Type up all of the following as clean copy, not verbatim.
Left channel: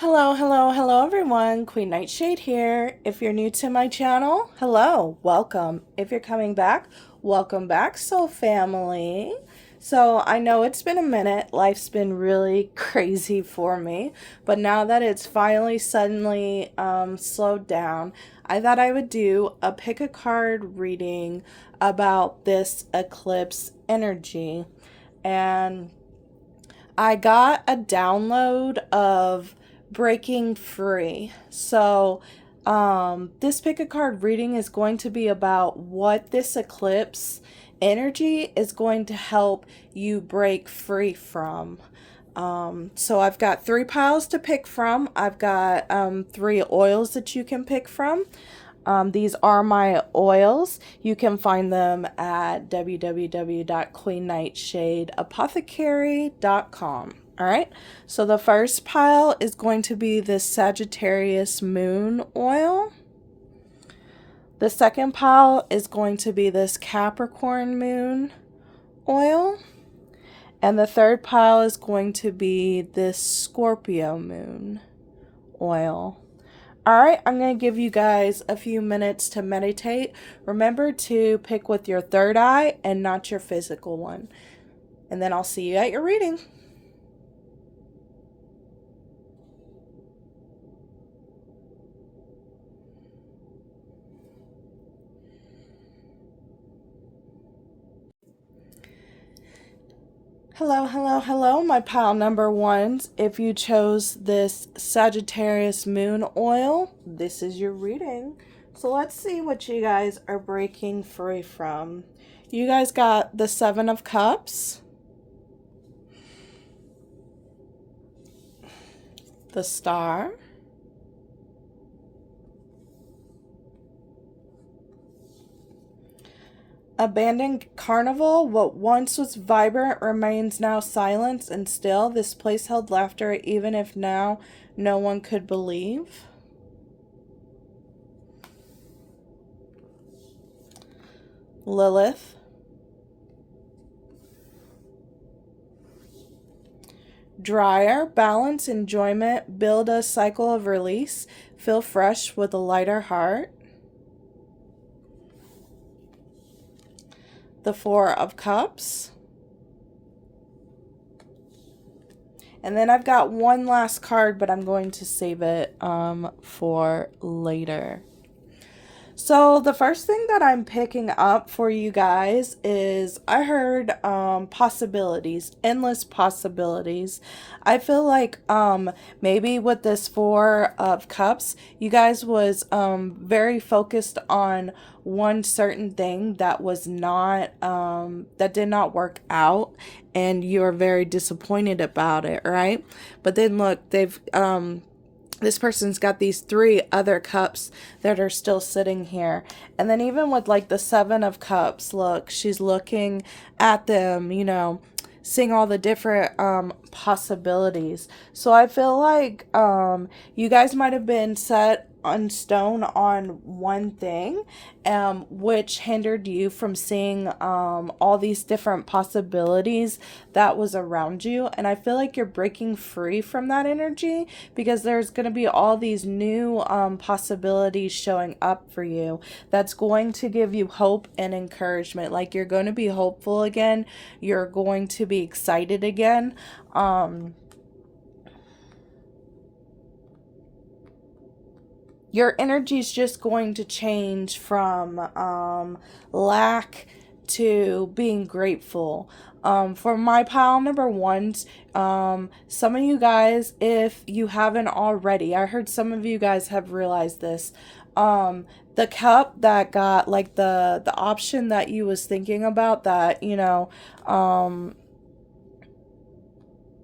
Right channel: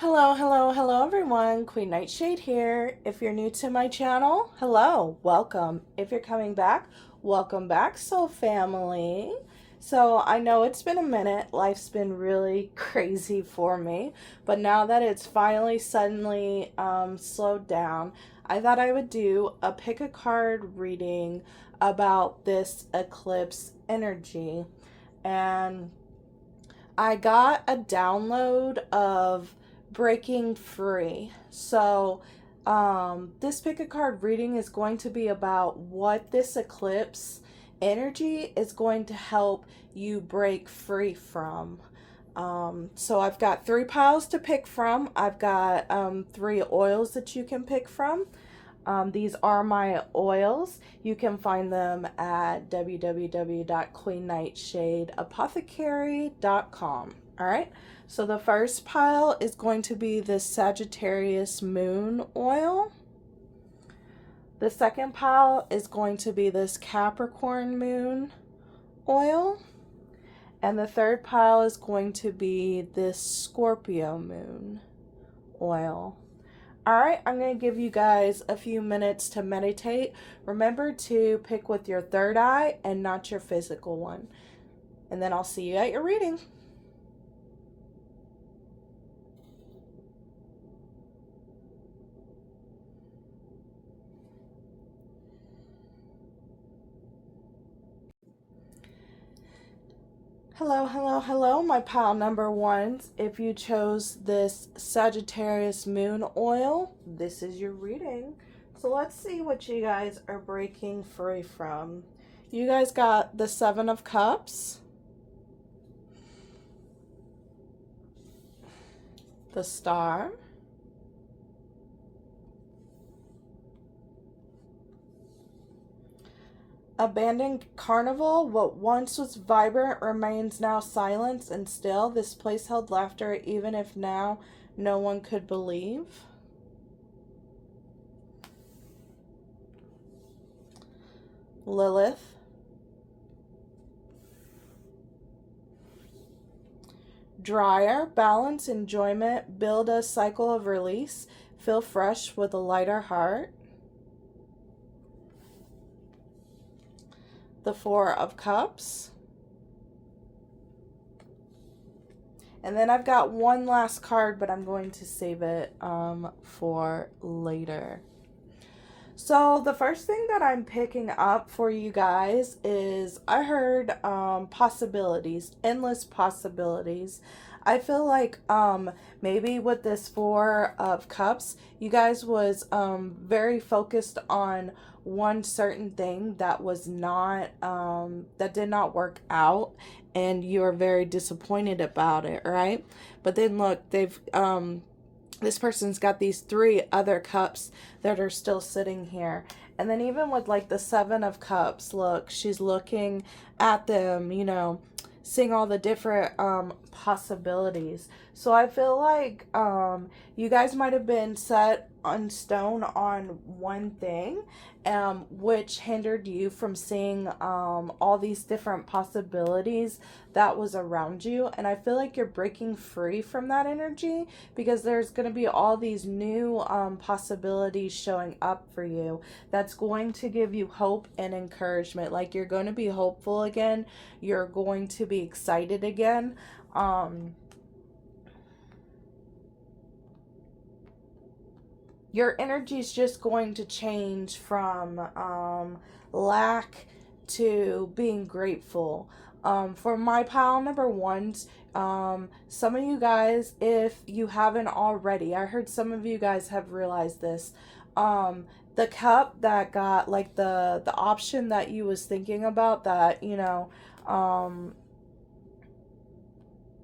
Hello everyone. Queen Nightshade here. If you're new to my channel, hello, welcome. If you're coming back, welcome back, soul family. So I know it's been a minute. Life's been really crazy for me, but now that it's finally suddenly slowed down, I thought I would do a pick a card reading about this eclipse energy. And I got a download of Breaking Free. So, this pick a card reading is going to be about what this eclipse energy is going to help you break free from. So I've got 3 piles to pick from. I've got 3 oils that you can pick from. These are my oils. You can find them at www.queennightshadeapothecary.com. All right. So the first pile is going to be this Sagittarius moon oil. The second pile is going to be this Capricorn moon oil. And the third pile is going to be this Scorpio moon oil. Alright, I'm going to give you guys a few minutes to meditate. Remember to pick with your third eye and not your physical one. And then I'll see you at your reading. Hello, my pile number ones. If you chose this Sagittarius moon oil, this is your reading. So let's see what you guys are breaking free from. You guys got the 7 of Cups, the Star, Abandoned carnival. What once was vibrant remains now silent and still. This place held laughter even if now no one could believe. Lilith. Dryer, balance, enjoyment, build a cycle of release, feel fresh with a lighter heart. The 4 of Cups. And then I've got one last card, but I'm going to save it for later. So the first thing that I'm picking up for you guys is I heard possibilities, endless possibilities. I feel like maybe with this 4 of Cups, you guys was very focused on one certain thing that was not that did not work out, and you're very disappointed about it, right? But then look, they've this person's got these 3 other cups that are still sitting here. And then even with like the 7 of Cups, look, she's looking at them, you know, seeing all the different possibilities. So I feel like you guys might have been set on stone on one thing, which hindered you from seeing all these different possibilities that was around you. And I feel like you're breaking free from that energy because there's going to be all these new possibilities showing up for you that's going to give you hope and encouragement. Like you're going to be hopeful again. You're going to be excited again. Your energy is just going to change from lack to being grateful. For my pile number ones, some of you guys, if you haven't already, I heard some of you guys have realized this. The cup that got like the option that you was thinking about that, you know,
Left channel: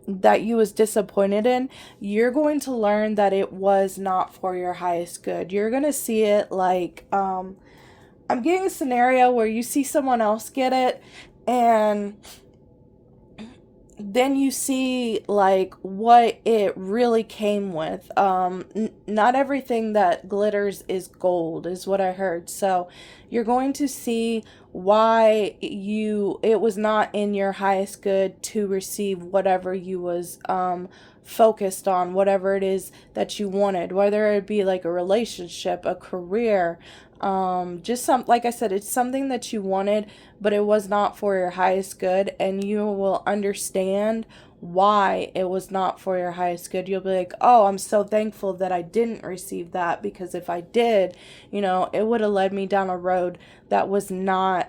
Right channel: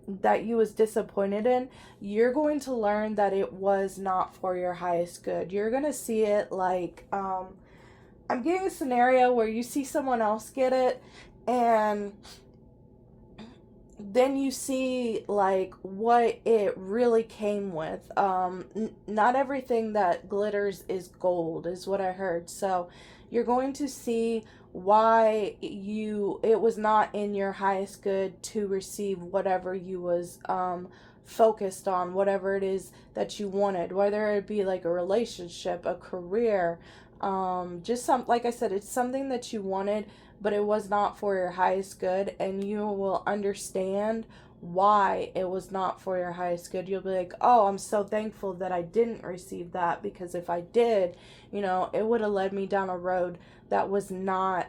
that you was disappointed in, you're going to learn that it was not for your highest good. You're going to see it like, I'm getting a scenario where you see someone else get it, and then you see like what it really came with. Not everything that glitters is gold is what I heard. So you're going to see why it was not in your highest good to receive whatever you was focused on whatever it is that you wanted, whether it be like a relationship, a career, just like I said, it's something that you wanted, but it was not for your highest good, and you will understand why it was not for your highest good. You'll be like, oh, I'm so thankful that I didn't receive that, because if I did, it would have led me down a road that was not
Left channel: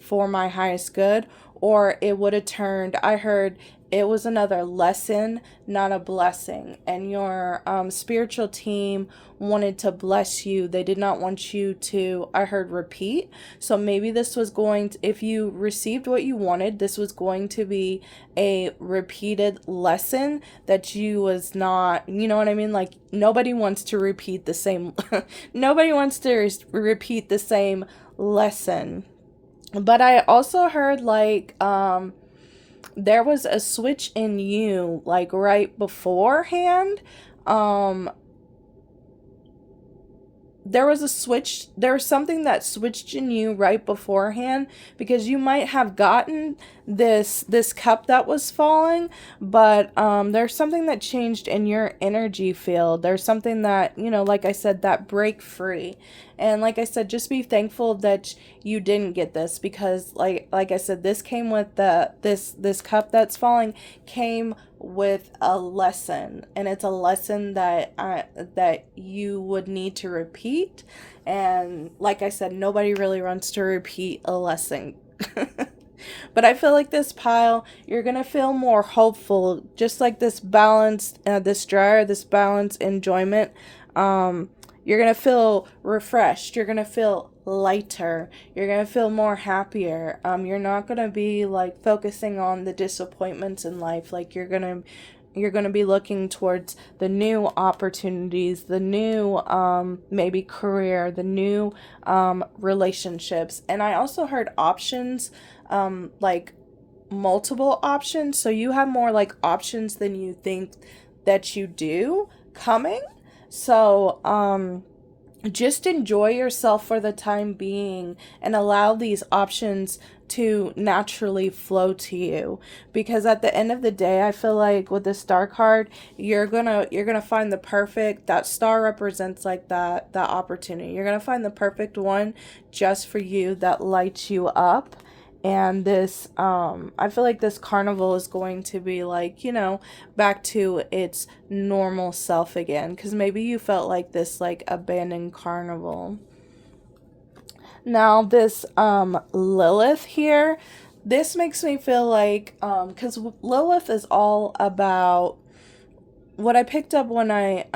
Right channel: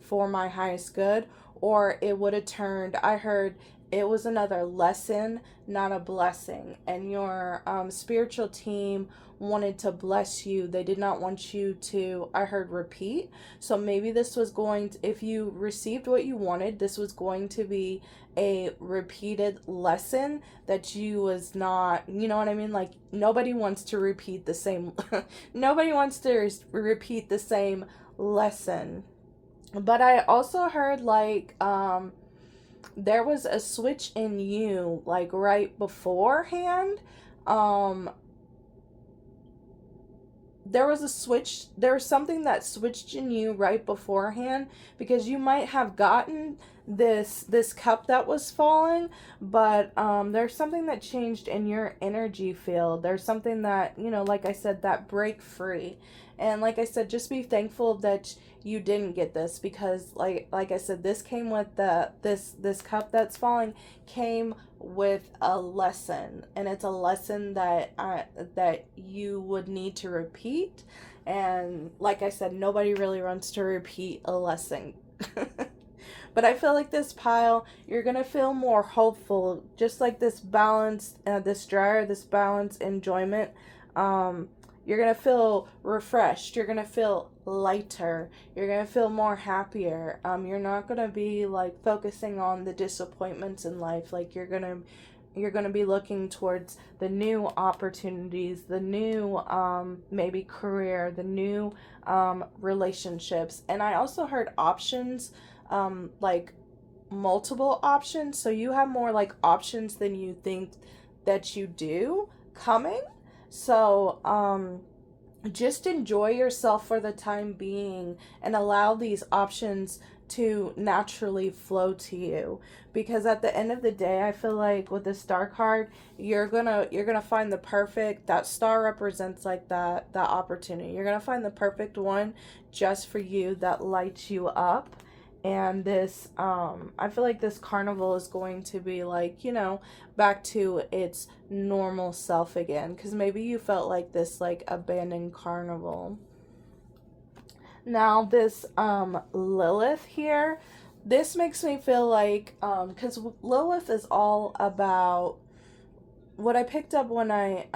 for my highest good, or it would have turned, I heard, it was another lesson, not a blessing. And your spiritual team wanted to bless you. They did not want you to, I heard, repeat. So maybe this was going to, if you received what you wanted, this was going to be a repeated lesson that you was not, you know what I mean? Like, nobody wants to repeat the same, nobody wants to repeat the same lesson. But I also heard like, there was a switch in you, like right beforehand. There was a switch, there was something that switched in you right beforehand, because you might have gotten this cup that was falling, but there's something that changed in your energy field. There's something that, like I said, that break free. And like I said, just be thankful that you didn't get this, because like I said, this came with this cup that's falling came with a lesson, and it's a lesson that you would need to repeat. And like I said, nobody really wants to repeat a lesson. But I feel like this pile, you're gonna feel more hopeful, just like this balanced, this dryer, this balanced enjoyment. You're gonna feel refreshed. You're gonna feel lighter. You're gonna feel more happier. You're not gonna be like focusing on the disappointments in life. Like you're gonna be looking towards the new opportunities, the new maybe career, the new relationships. And I also heard options, like multiple options. So you have more like options than you think that you do coming. So just enjoy yourself for the time being and allow these options to naturally flow to you, because at the end of the day, I feel like with the star card, you're gonna find the perfect, that star represents like that opportunity. You're gonna find the perfect one just for you, that lights you up. And this, I feel like this carnival is going to be like, back to its normal self again. Because maybe you felt like this, like, abandoned carnival. Now, this, Lilith here, this makes me feel like, because Lilith is all about, what I picked up when I,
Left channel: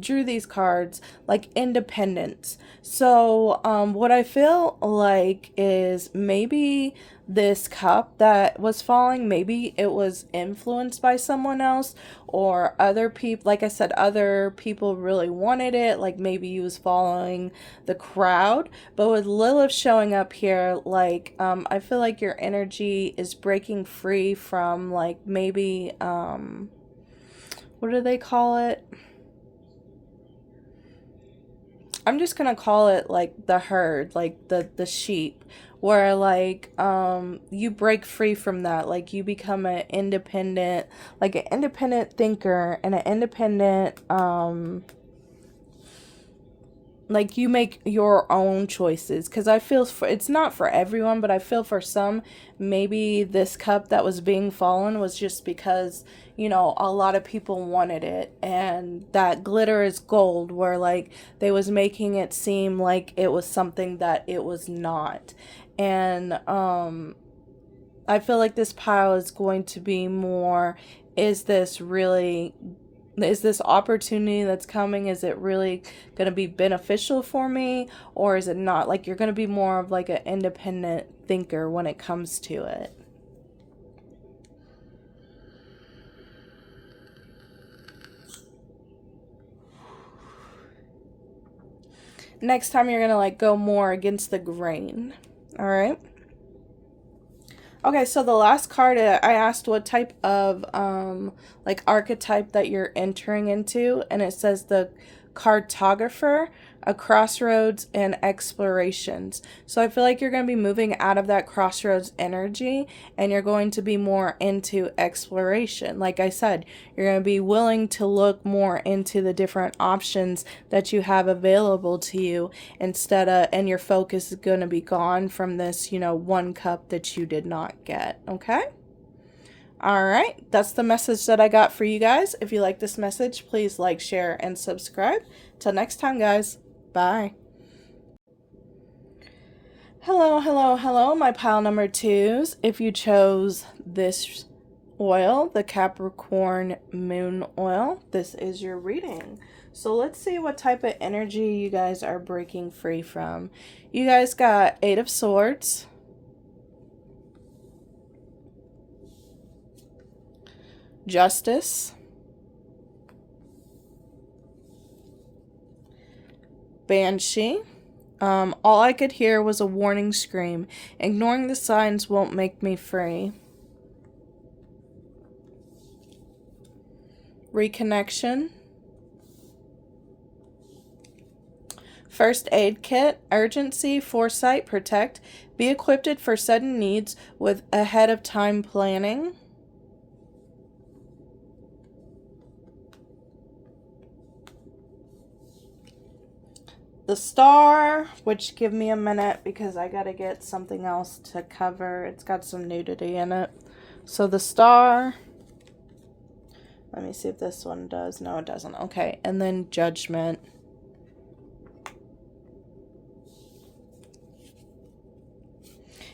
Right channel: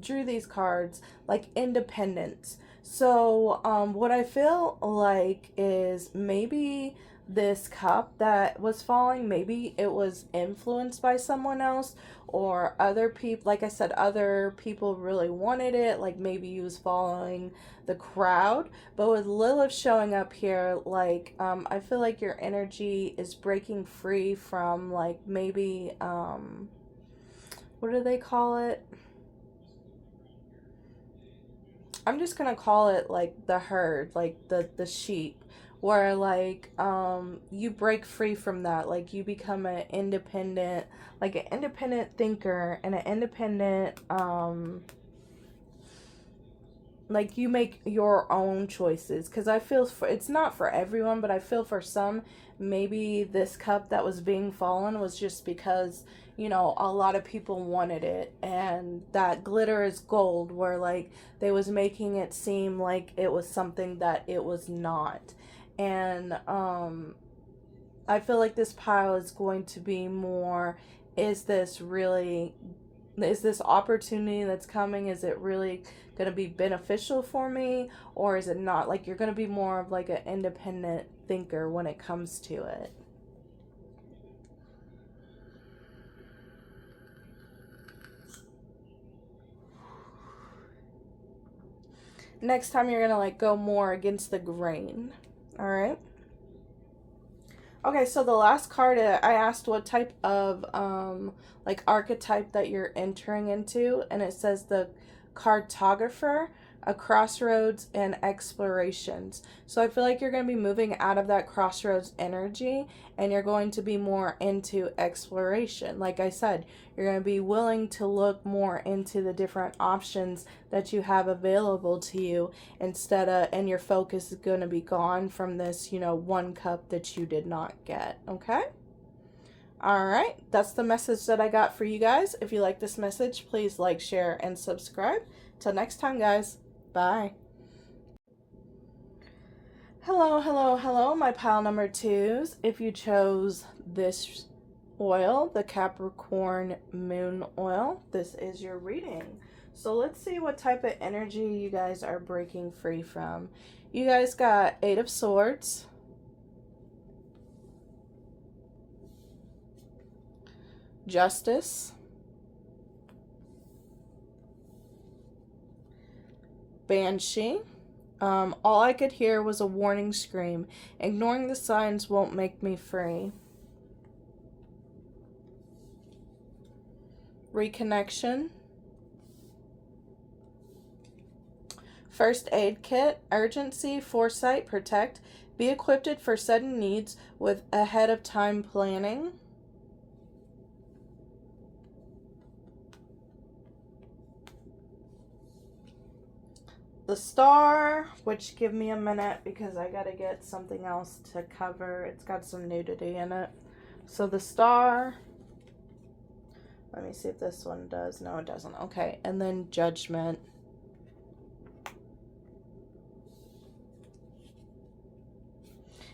drew these cards, like independence. So what I feel like is maybe this cup that was falling, maybe it was influenced by someone else, or other people. Like I said, other people really wanted it, like maybe you was following the crowd. But with Lilith showing up here, like I feel like your energy is breaking free from like maybe what do they call it? I'm just gonna call it like the herd, like the sheep, where like you break free from that, like you become an independent thinker, and an independent like you make your own choices. Because I feel it's not for everyone, but I feel for some, maybe this cup that was being fallen was just because a lot of people wanted it, and that glitter is gold, where like they was making it seem like it was something that it was not. And I feel like this pile is going to be more, is this opportunity that's coming, is it really going to be beneficial for me, or is it not? Like you're going to be more of like an independent thinker when it comes to it. Next time you're going to like go more against the grain. All right. Okay, so the last card, I asked what type of like archetype that you're entering into, and it says the cartographer. a crossroads and explorations. So I feel like you're going to be moving out of that crossroads energy, and you're going to be more into exploration. Like I said, you're going to be willing to look more into the different options that you have available to you and your focus is going to be gone from this, one cup that you did not get. Okay? All right, that's the message that I got for you guys. If you like this message, please like, share, and subscribe. Till next time, guys. Bye. Hello, hello, hello, my pile number 2s. If you chose this oil, the Capricorn Moon Oil, this is your reading. So let's see what type of energy you guys are breaking free from. You guys got 8 of Swords, Justice, Banshee. All I could hear was a warning scream. Ignoring the signs won't make me free. Reconnection. First aid kit. Urgency, foresight, protect. Be equipped for sudden needs with ahead of time planning. The Star, which give me a minute because I gotta get something else to cover. It's got some nudity in it. So the Star. Let me see if this one does. No, it doesn't. Okay, and then Judgment.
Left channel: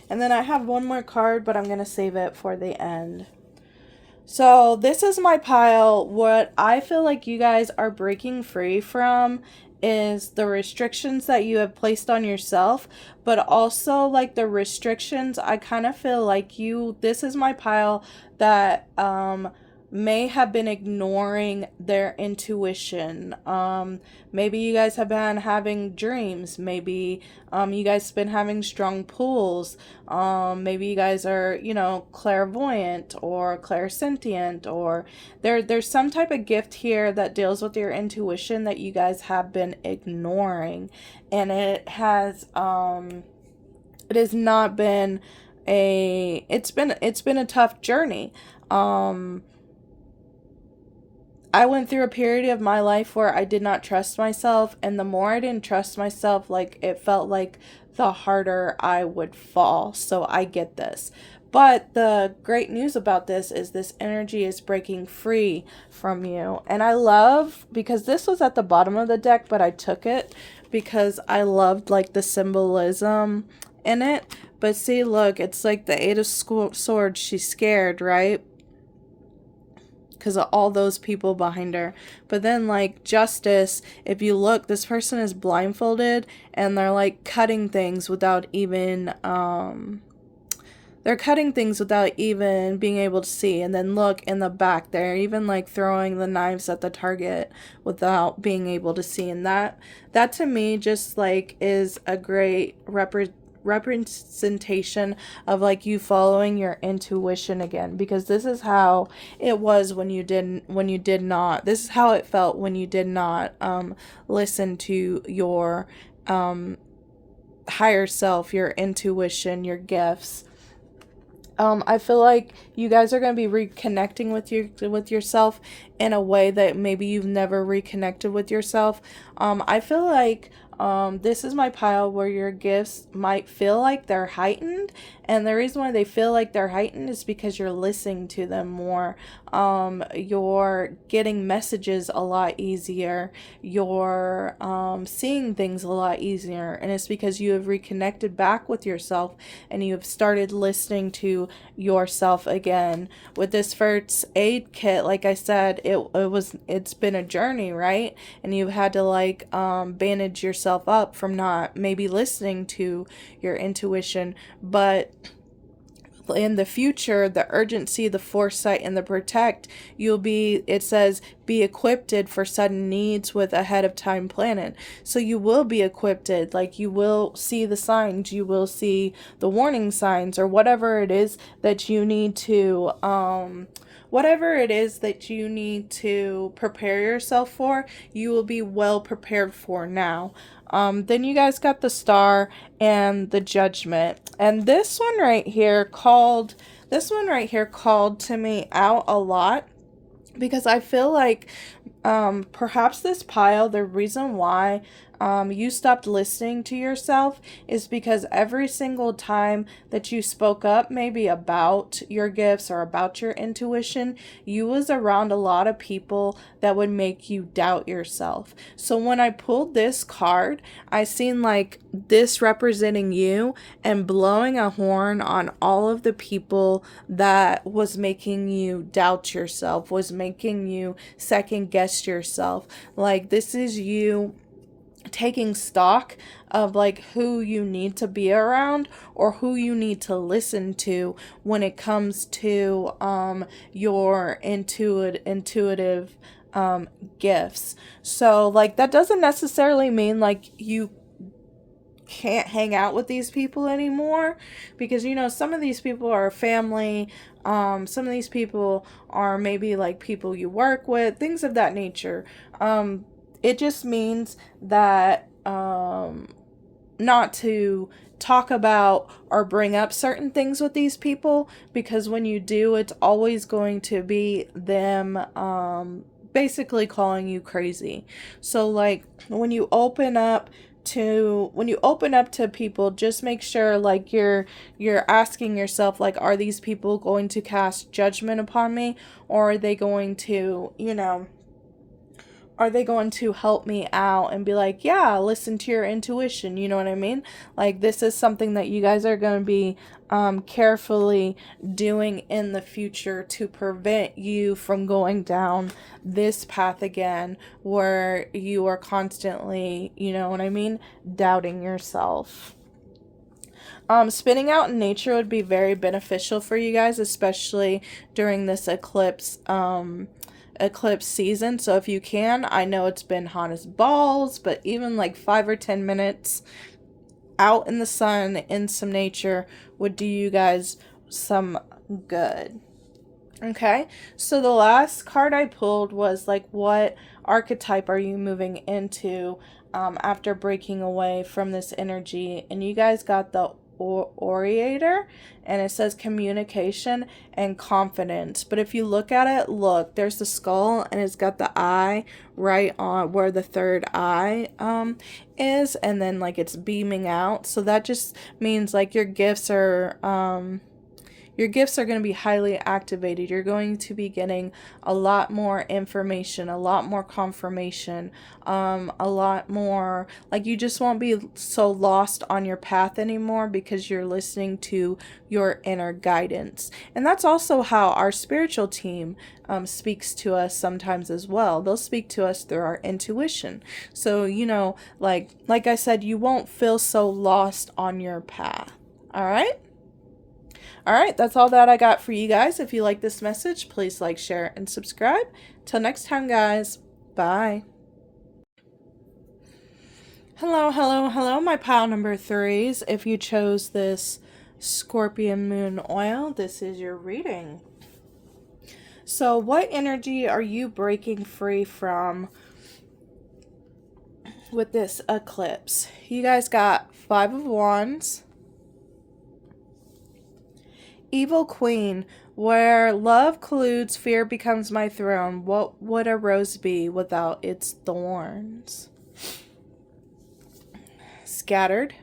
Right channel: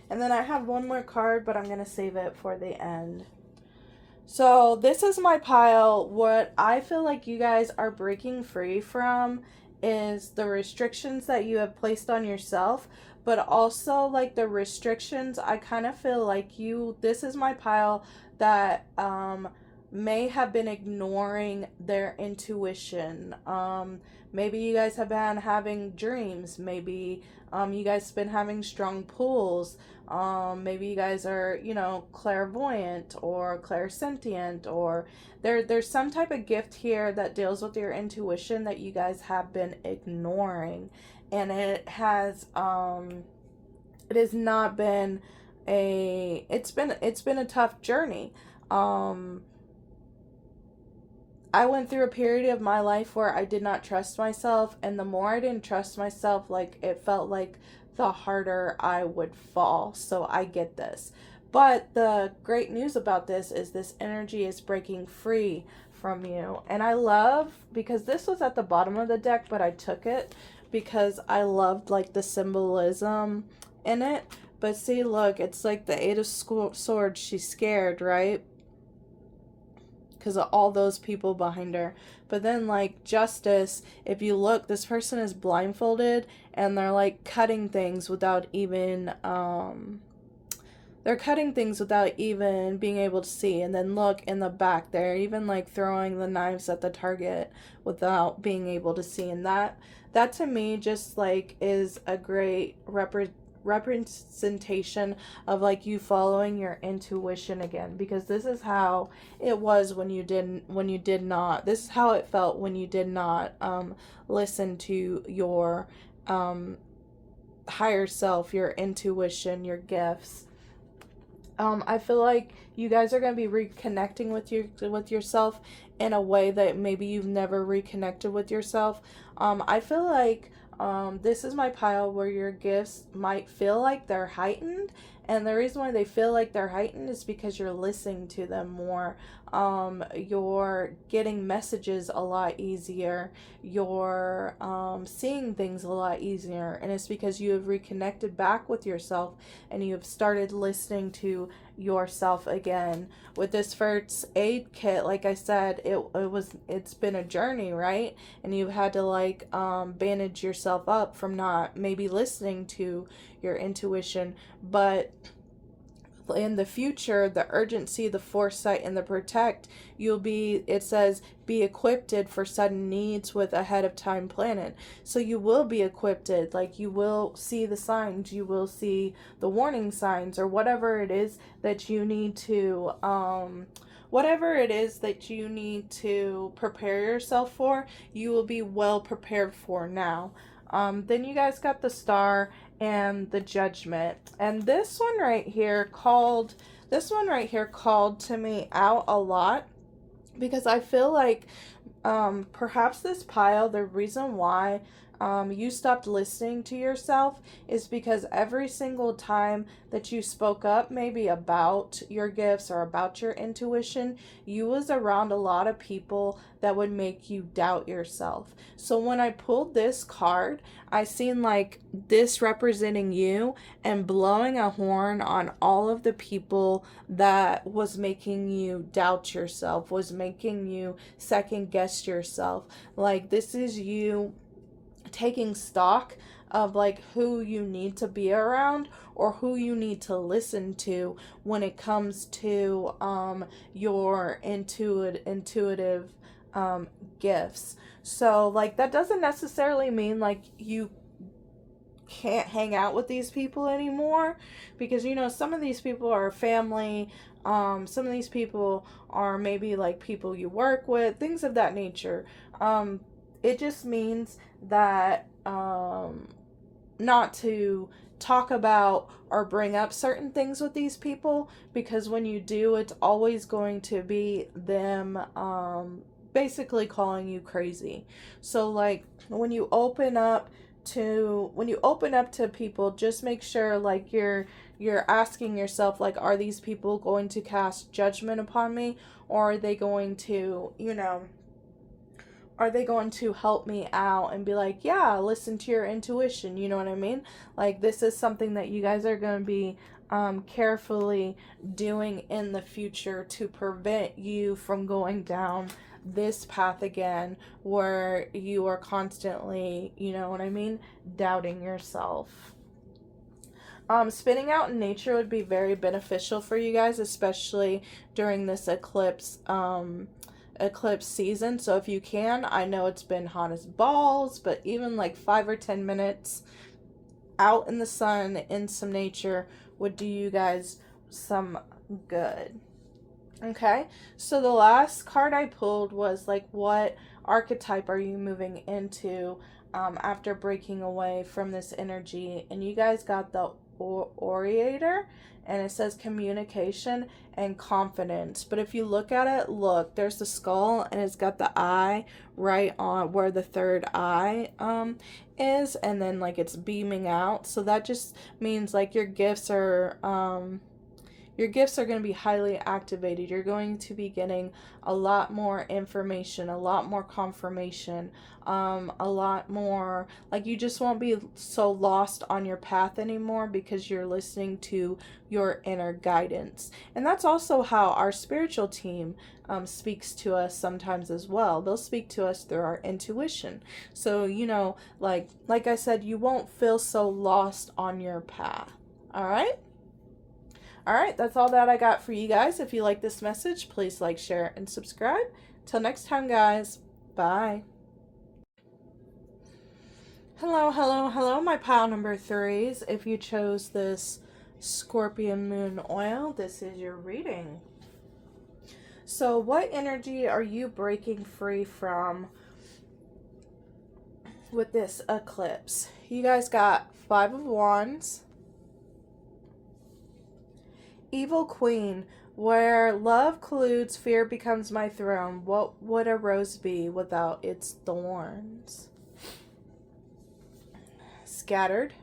And then I have one more card, but I'm going to save it for the end. So this is my pile. What I feel like you guys are breaking free from is the restrictions that you have placed on yourself, but also like the restrictions. I kind of feel like this is my pile that may have been ignoring their intuition. Maybe you guys have been having dreams. Maybe you guys have been having strong pulls. Maybe you guys are, clairvoyant or clairsentient, or there's some type of gift here that deals with your intuition that you guys have been ignoring. And it has not been it's been a tough journey. I went through a period of my life where I did not trust myself, and the more I didn't trust myself, like, it felt like the harder I would fall. So I get this. But the great news about this is this energy is breaking free from you. And I love, because this was at the bottom of the deck, but I took it because I loved like the symbolism in it. But see, look, it's like the 8 of Swords. She's scared, right? Because of all those people behind her. But then like Justice, if you look, this person is blindfolded and they're like cutting things without even being able to see. And then look in the back, they're even like throwing the knives at the target without being able to see. And that to me just like is a great representation of like you following your intuition again, because this is how it was when you did not, this is how it felt when you did not listen to your higher self, your intuition, your gifts. I feel like you guys are going to be reconnecting with yourself in a way that maybe you've never reconnected with yourself. I feel like this is my pile where your gifts might feel like they're heightened, and the reason why they feel like they're heightened is because you're listening to them more. You're getting messages a lot easier. You're seeing things a lot easier, and it's because you have reconnected back with yourself and you have started listening to yourself again. With this first aid kit, like I said, it's been a journey, right? And you've had to like bandage yourself up from not maybe listening to your intuition, but in the future, the urgency, the foresight, and the protect, it says, be equipped for sudden needs with ahead of time planning. So you will be equipped, like you will see the signs, you will see the warning signs, or whatever it is that you need to, prepare yourself for, you will be well prepared for now. Then you guys got the Star and the Judgment. And this one right here called to me out a lot, because I feel like perhaps this pile, the reason why you stopped listening to yourself is because every single time that you spoke up maybe about your gifts or about your intuition, you was around a lot of people that would make you doubt yourself. So when I pulled this card, I seen like this representing you and blowing a horn on all of the people that was making you doubt yourself, was making you second guess yourself. Like, this is you taking stock of like who you need to be around or who you need to listen to when it comes to your intuitive gifts. So like, that doesn't necessarily mean like you can't hang out with these people anymore, because you know, some of these people are family, some of these people are maybe like people you work with, things of that nature. It just means that not to talk about or bring up certain things with these people, because when you do, it's always going to be them basically calling you crazy. So like, when you open up to people, just make sure like you're asking yourself, like, are these people going to cast judgment upon me, or are they going to, you know, are they going to help me out and be like, yeah, listen to your intuition? You know what I mean? Like, this is something that you guys are going to be carefully doing in the future to prevent you from going down this path again, where you are constantly, you know what I mean, doubting yourself. Spinning out in nature would be very beneficial for you guys, especially during this eclipse season. So if you can, I know it's been hot as balls, but even like 5 or 10 minutes out in the sun in some nature would do you guys some good. Okay, so the last card I pulled was like, what archetype are you moving into after breaking away from this energy? And you guys got the orator, and it says communication and confidence. But if you look at it, look, there's the skull, and it's got the eye right on where the third eye is, and then like it's beaming out. So that just means like your gifts are going to be highly activated. You're going to be getting a lot more information, a lot more confirmation, a lot more, like, you just won't be so lost on your path anymore, because you're listening to your inner guidance. And that's also how our spiritual team speaks to us sometimes as well. They'll speak to us through our intuition. So, you know, like I said, you won't feel so lost on your path. All right? All right, that's all that I got for you guys. If you like this message, please like, share, and subscribe. Till next time, guys. Bye. Hello, my pile number 3s. If you chose this Scorpion Moon oil, this is your reading. So what energy are you breaking free from with this eclipse? You guys got 5 of Wands, Evil Queen, where love colludes, fear becomes my throne. What would a rose be without its thorns? Scattered.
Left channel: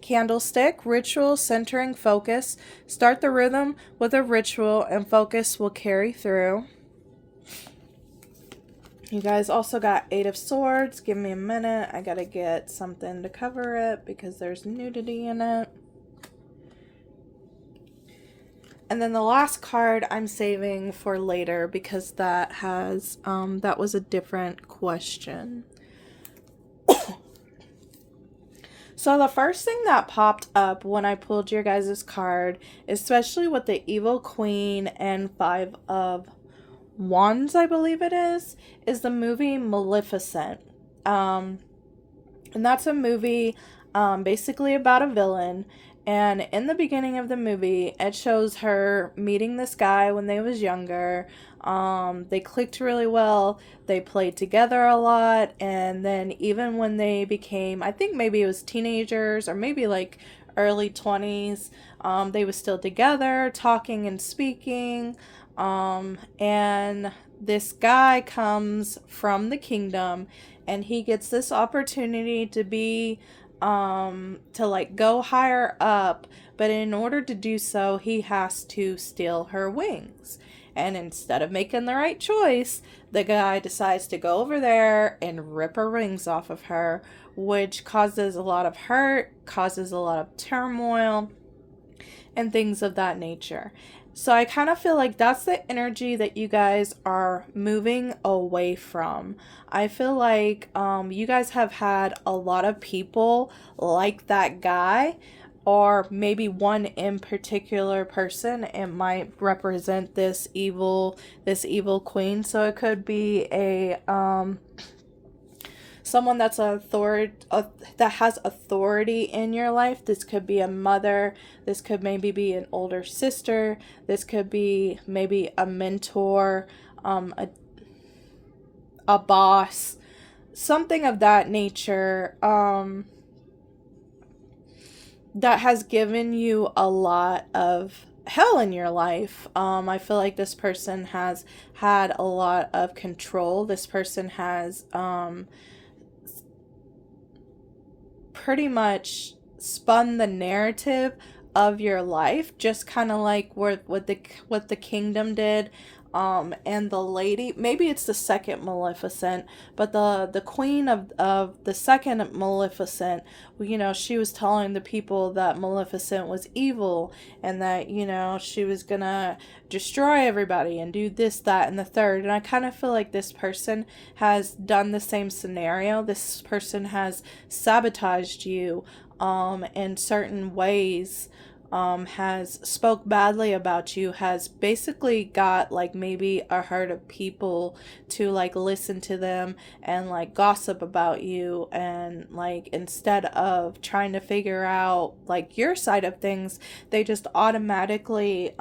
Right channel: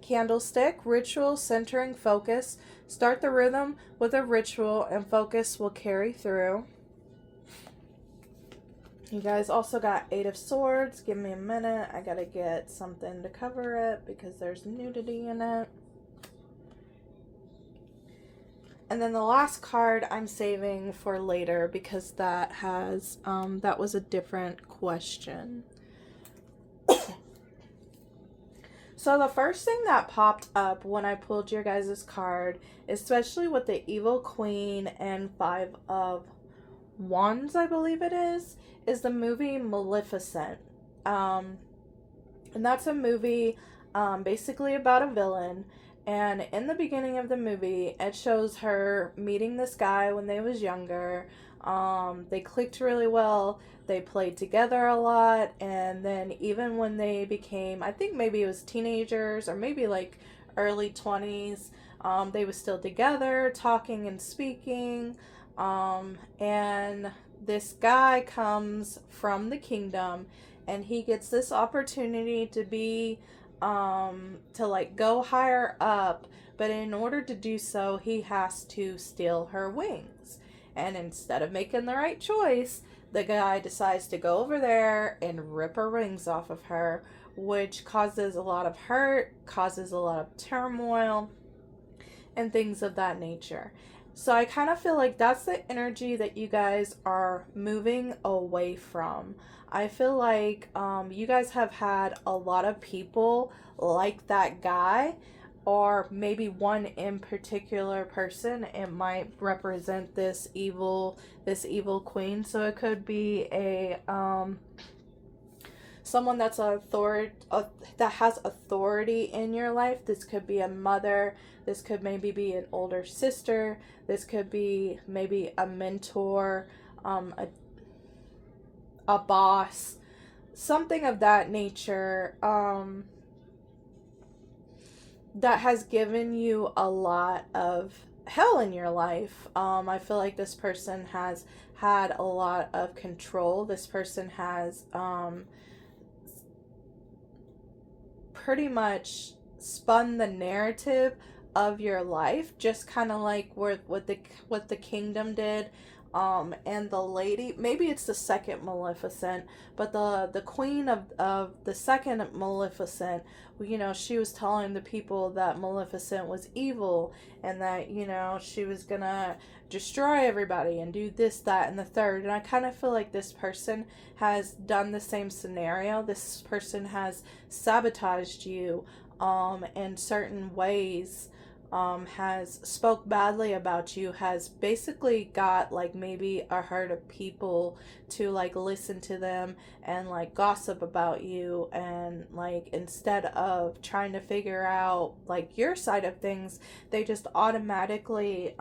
Candlestick, ritual, centering, focus. Start the rhythm with a ritual and focus will carry through. You guys also got 8 of Swords. Give me a minute. I gotta get something to cover it because there's nudity in it. And then the last card I'm saving for later, because that has, that was a different question. So the first thing that popped up when I pulled your guys' card, especially with the Evil Queen and 5 of Wands, I believe it is the movie Maleficent. And that's a movie basically about a villain, And in the beginning of the movie, it shows her meeting this guy when they was younger. They clicked really well. They played together a lot. And then even when they became, I think maybe it was teenagers or maybe like early 20s, they were still together, talking and speaking. And this guy comes from the kingdom, and he gets this opportunity to be to like go higher up, but in order to do so, he has to steal her wings. And instead of making the right choice, the guy decides to go over there and rip her wings off of her, which causes a lot of hurt, causes a lot of turmoil, and things of that nature. So I kind of feel like that's the energy that you guys are moving away from. I feel like you guys have had a lot of people like that guy, or maybe one in particular person. It might represent this evil queen. So it could be a someone that's that has authority in your life. This could be a mother. This could maybe be an older sister. This could be maybe a mentor, a boss, something of that nature, that has given you a lot of hell in your life. I feel like this person has had a lot of control. This person has pretty much spun the narrative of your life, just kind of like what the kingdom did. And the lady, maybe it's the second Maleficent, but the queen of the second Maleficent, you know, she was telling the people that Maleficent was evil, and that, you know, she was gonna destroy everybody and do this, that, and the third. And I kind of feel like this person has done the same scenario. This person has sabotaged you in certain ways, has spoke badly about you, has basically got like maybe a herd of people to like listen to them and like gossip about you, and like instead of trying to figure out like your side of things, they just automatically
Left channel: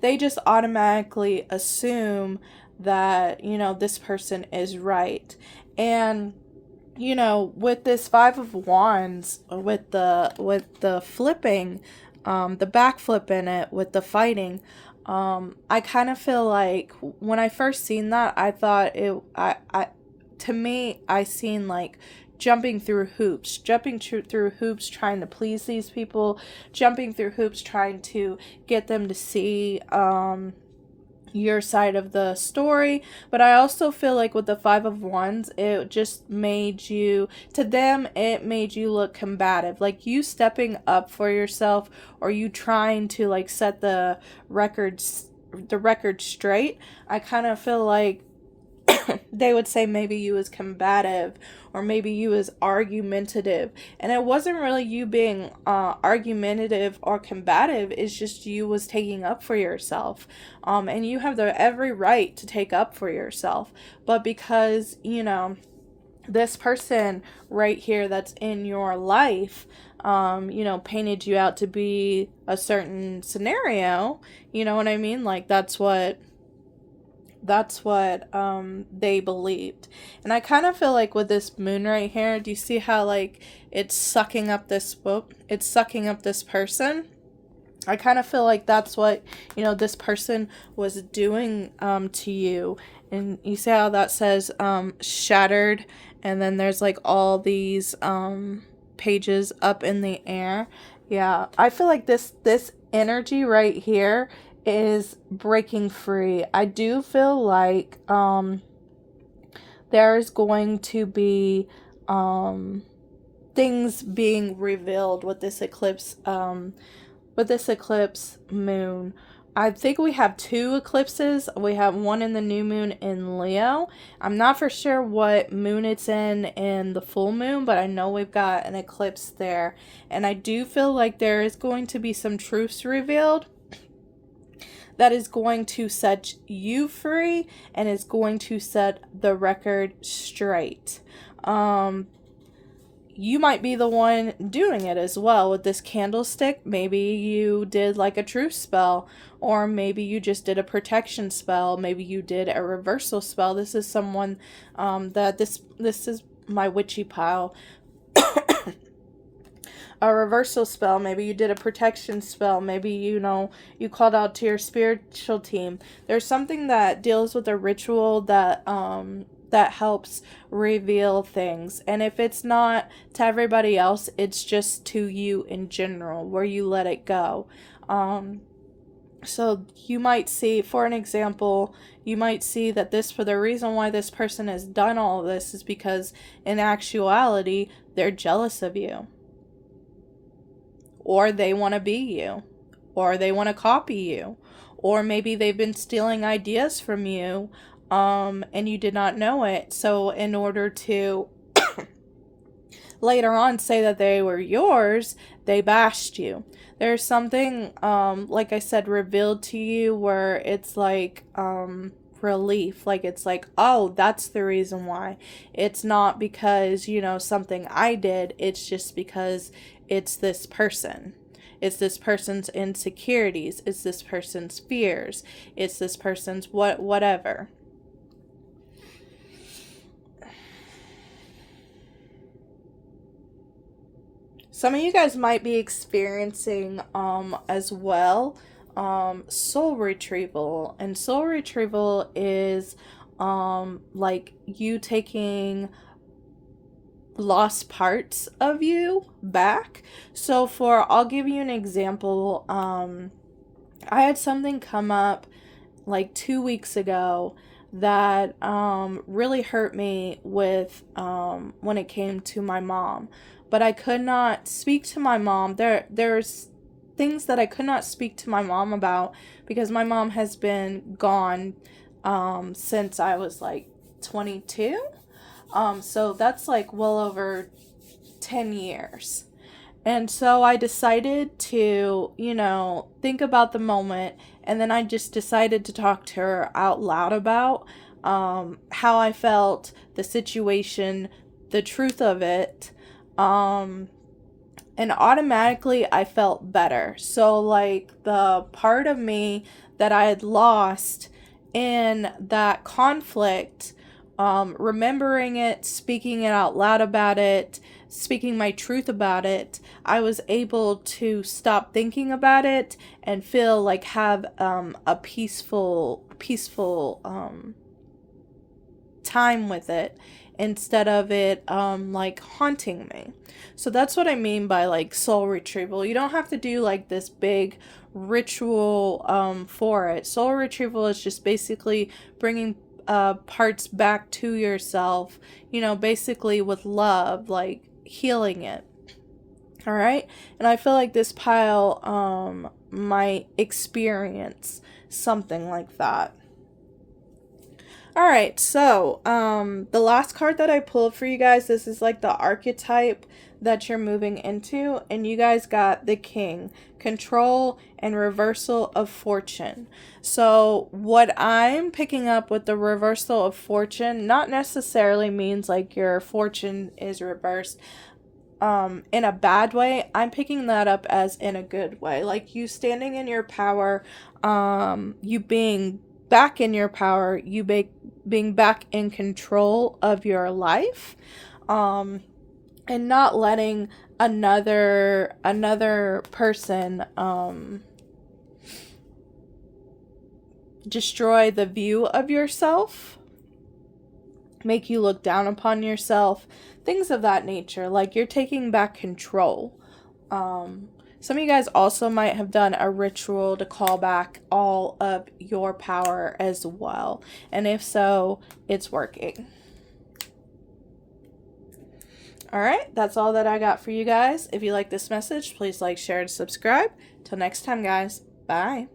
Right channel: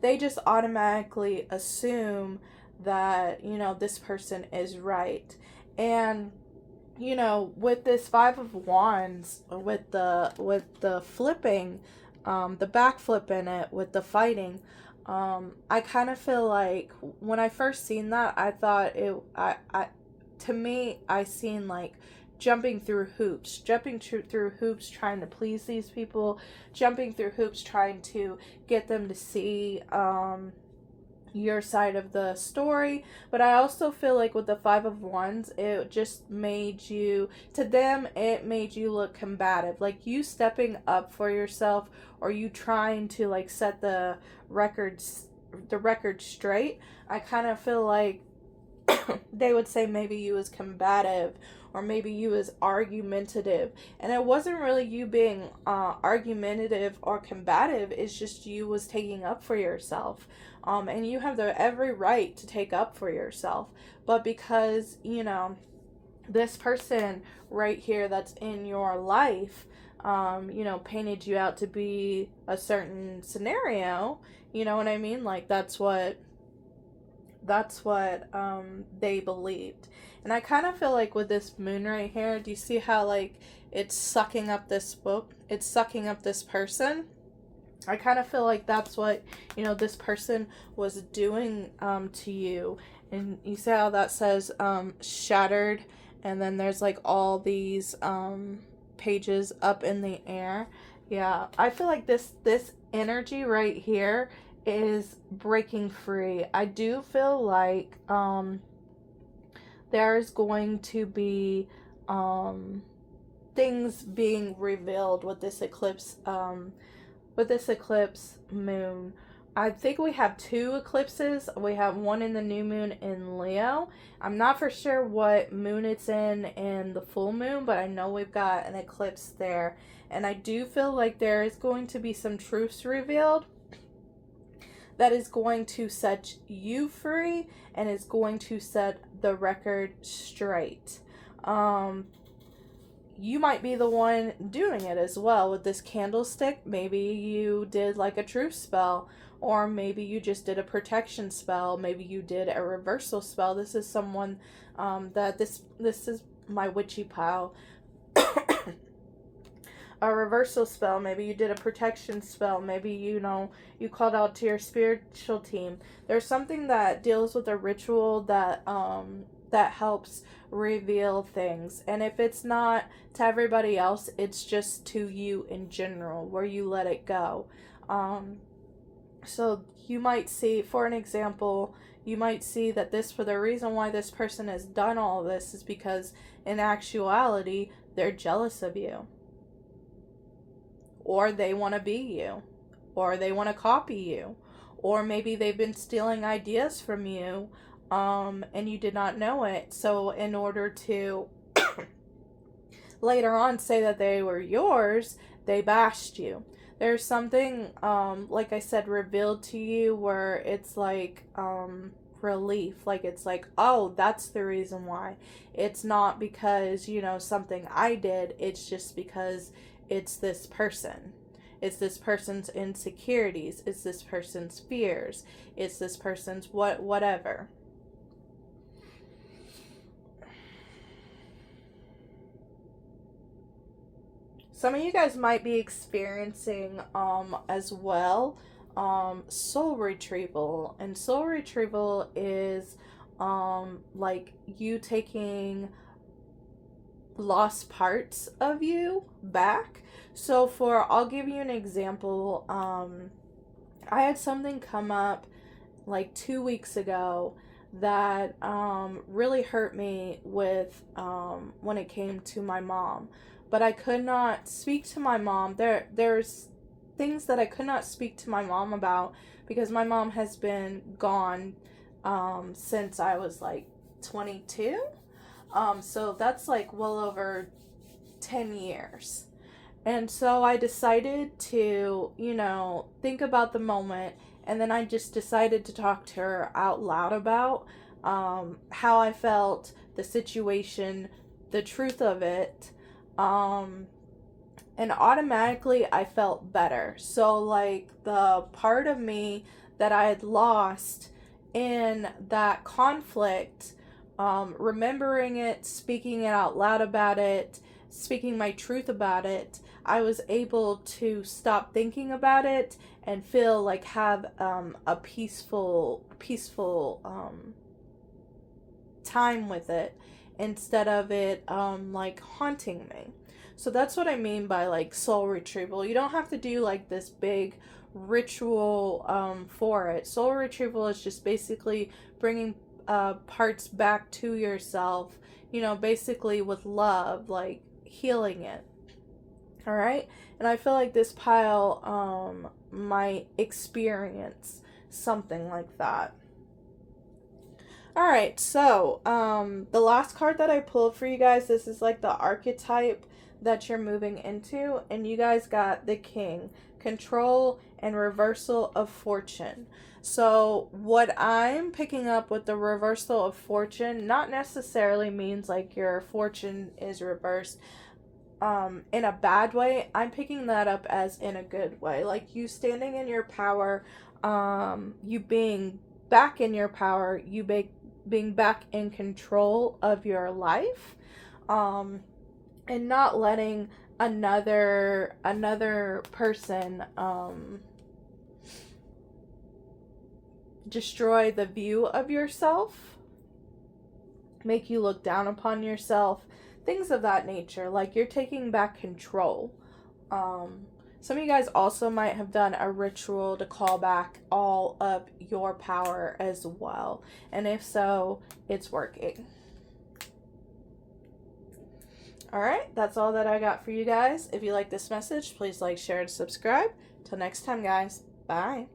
they just automatically assume that, you know, this person is right. And you know, with this Five of Wands, with the flipping, the backflip in it, with the fighting, I kind of feel like when I first seen that, I thought to me, I seen like jumping through hoops, through hoops, trying to please these people, jumping through hoops, trying to get them to see, your side of the story. But I also feel like with the Five of Wands, it just made you, to them, it made you look combative, like you stepping up for yourself, or you trying to like set the record straight. I kind of feel like they would say maybe you was combative, or maybe you was argumentative, and it wasn't really you being argumentative or combative. It's just you was taking up for yourself, and you have the every right to take up for yourself. But because, you know, this person right here that's in your life, you know, painted you out to be a certain scenario, you know what I mean, like that's what they believed. And I kind of feel like with this moon right here, do you see how like it's sucking up this book, it's sucking up this person? I kind of feel like that's what, you know, this person was doing to you. And you see how that says shattered, and then there's like all these pages up in the air. Yeah, I feel like this energy right here is breaking free. I do feel like there's going to be things being revealed with this eclipse moon. I think we have two eclipses. We have one in the new moon in Leo. I'm not for sure what moon it's in the full moon, but I know we've got an eclipse there. And I do feel like there is going to be some truths revealed that is going to set you free, and is going to set the record straight. you might be the one doing it as well with this candlestick. Maybe you did like a truth spell, or maybe you just did a protection spell. Maybe you did a reversal spell. This is someone that this is my witchy pile. A reversal spell. Maybe you did a protection spell. Maybe, you know, you called out to your spiritual team. There's something that deals with a ritual that that helps reveal things. And if it's not to everybody else, it's just to you in general, where you let it go. So you might see, for an example, you might see that this, for the reason why this person has done all of this, is because in actuality, they're jealous of you. Or they want to be you. Or they want to copy you. Or maybe they've been stealing ideas from you, and you did not know it. So in order to later on say that they were yours, they bashed you. There's something, like I said, revealed to you where it's like relief. Like it's like, oh, that's the reason why. It's not because, you know, something I did. It's just because it's this person. It's this person's insecurities. It's this person's fears. It's this person's whatever. Some of you guys might be experiencing as well soul retrieval. And soul retrieval is like you taking lost parts of you back. So I'll give you an example. I had something come up like 2 weeks ago that really hurt me with when it came to my mom. But I could not speak to my mom. There's things that I could not speak to my mom about because my mom has been gone since I was like 22. So that's like well over 10 years. And so I decided to, you know, think about the moment, and then I just decided to talk to her out loud about how I felt, the situation, the truth of it. And automatically I felt better. So like the part of me that I had lost in that conflict, remembering it, speaking it out loud about it, speaking my truth about it, I was able to stop thinking about it and feel like have a peaceful time with it, instead of it like haunting me. So that's what I mean by like soul retrieval. You don't have to do like this big ritual for it. Soul retrieval is just basically bringing parts back to yourself, you know, basically with love, like healing it. All right. And I feel like this pile might experience something like that. All right, so the last card that I pulled for you guys, this is like the archetype that you're moving into, and you guys got the King, control and reversal of fortune. So what I'm picking up with the reversal of fortune, not necessarily means like your fortune is reversed in a bad way. I'm picking that up as in a good way, like you standing in your power, you being back in your power, you being back in control of your life, and not letting another person destroy the view of yourself, make you look down upon yourself, things of that nature. Like you're taking back control. Some of you guys also might have done a ritual to call back all of your power as well. And if so, it's working. All right, that's all that I got for you guys. If you like this message, please like, share, and subscribe. Till next time, guys. Bye.